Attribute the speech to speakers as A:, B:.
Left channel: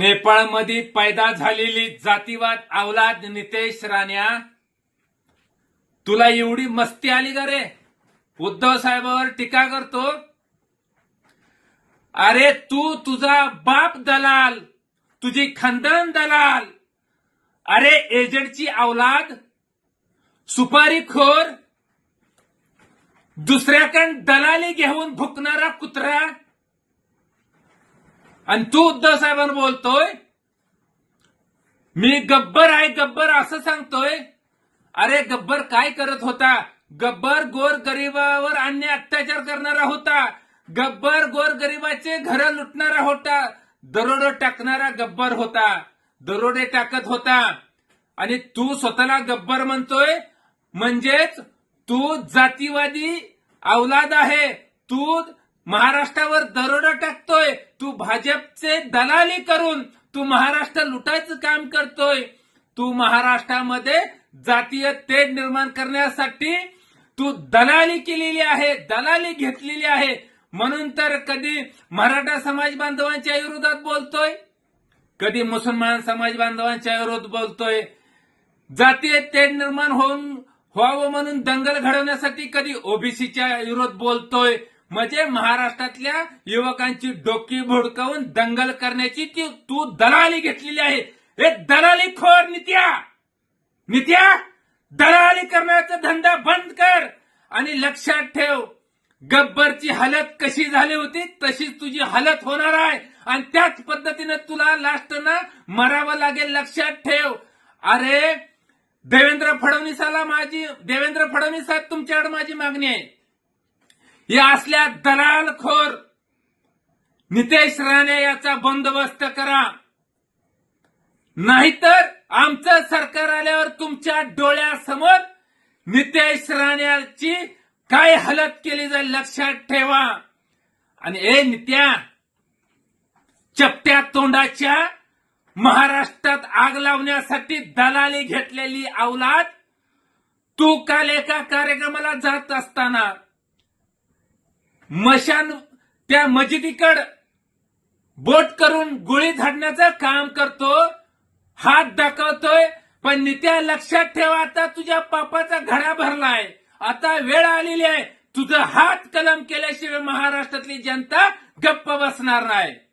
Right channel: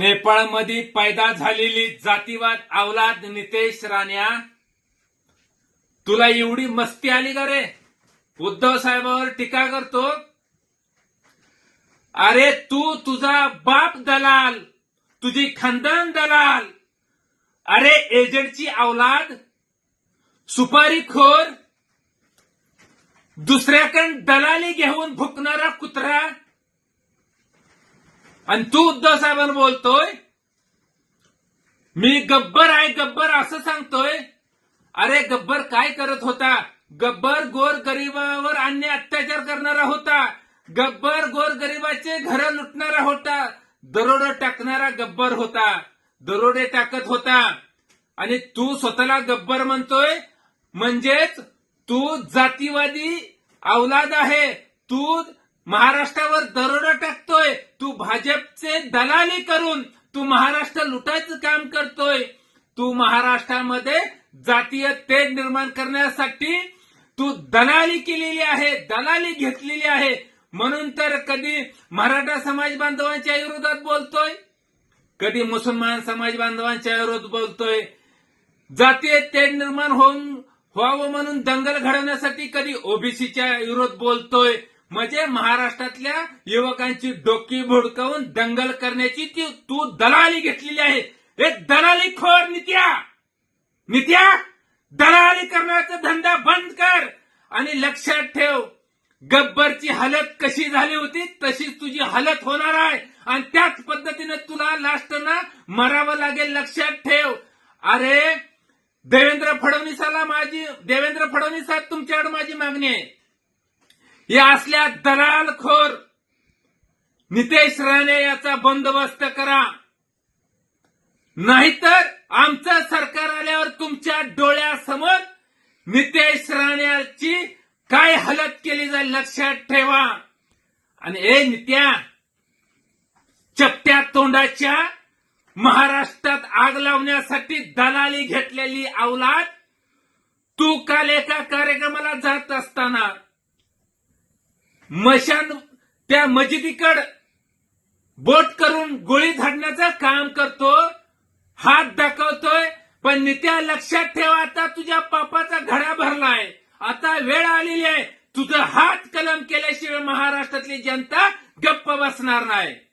A: मध्ये पैदा झालेली जातीवाद अवलाद नितेश राण्या तुला एवढी मस्ती आली का रे उद्धव साहेबांवर टीका करतो अरे तू तुझा बाप दलाल तुझी खानदान दलाल अरे एजंटची अवलाद खोर दुसऱ्याकडं दलाली घेऊन भुकणारा कुत्रा आणि तू उद्धव साहेबांना बोलतोय मी गब्बर आहे गब्बर असं सांगतोय अरे गब्बर काय करत होता गब्बर गोर गरिबावर अन्य अत्याचार करणारा होता गब्बर गोर गरीबाचे घर लुटणारा होता दरोडे टाकणारा गब्बर होता दरोडे टाकत होता आणि तू स्वतःला गब्बर म्हणतोय म्हणजेच तू जातीवादी अवलाद आहे तू महाराष्ट्रावर दरोडा टाकतोय भाजपचे दलाली करून तू महाराष्ट्र लुटायचं काम करतोय तू महाराष्ट्रामध्ये जातीय तेज निर्माण करण्यासाठी तू दलाली केलेली आहे दलाली घेतलेली आहे म्हणून तर कधी मराठा समाज बांधवांच्या विरोधात बोलतोय कधी मुसलमान समाज बांधवांच्या विरोधात बोलतोय जातीय तेढ निर्माण होऊन व्हावं म्हणून दंगल घडवण्यासाठी कधी ओबीसीच्या विरोध बोलतोय म्हणजे महाराष्ट्रातल्या युवकांची डोकी भुडकावून दंगल करण्याची ती तू दलाली घेतलेली आहे एक दलाली खोर नित्या नित्या दलाली करण्याचा धंदा बंद कर आणि लक्षात ठेव गब्बरची हालत कशी झाली होती तशीच तुझी हालत होणार आहे आणि त्याच पद्धतीने तुला लास्ट ना मरावं लागेल लक्षात ठेव अरे देवेंद्र फडणवीसाला माझी देवेंद्र फडणवीस साहेब तुमच्याकडे माझी मागणी आहे या असल्या दलालखोर नितेश राणे याचा बंदोबस्त करा नाहीतर आमचं सरकार आल्यावर तुमच्या डोळ्यासमोर नितेश राण्याची काय हलत केली जाईल लक्षात ठेवा आणि ए नित्या चपट्या तोंडाच्या महाराष्ट्रात आग लावण्यासाठी दलाली घेतलेली अवलाद तू काल एका कार्यक्रमाला जात असताना मशान त्या मजिदीकड बोट करून गोळी धाडण्याचं काम करतो हात दाखवतोय पण नित्या लक्षात ठेवा आता तुझ्या पापाचा घडा भरलाय आता वेळ आलेली आहे तुझं हात कलम केल्याशिवाय महाराष्ट्रातली जनता गप्प बसणार नाही